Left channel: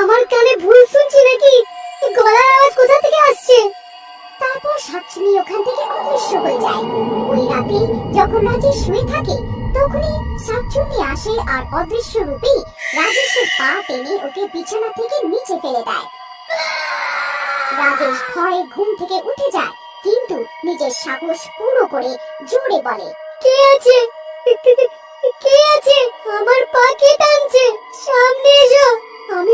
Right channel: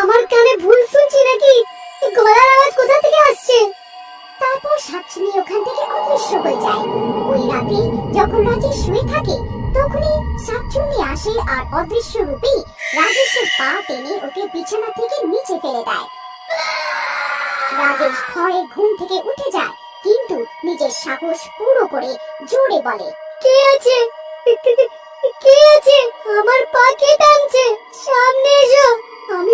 আমার কানে ভুল শুনছি নাকি? গলার আওয়াজ কোথা থেকে আসছে? তারপর শাকচুন্নি ওখান থেকে অদৃশ্য হয়ে যায়। ওই রাতে যখন রাজেশ শুয়ে থাকে তখনই শাকচুন্নি আসে আর অদৃশ্য রূপেই রাজেশের পা টেনে ওকে বিছানা থেকে নিচে ফেলে দেয়। রাজেশ ভয়ে ঘুম থেকে উঠে যায়, কিন্তু নিজের সাহস পুরো করে জোরে বলে, কে আছে? কে আছে? আমার পা কে টানছে? সামনে এসো, আমি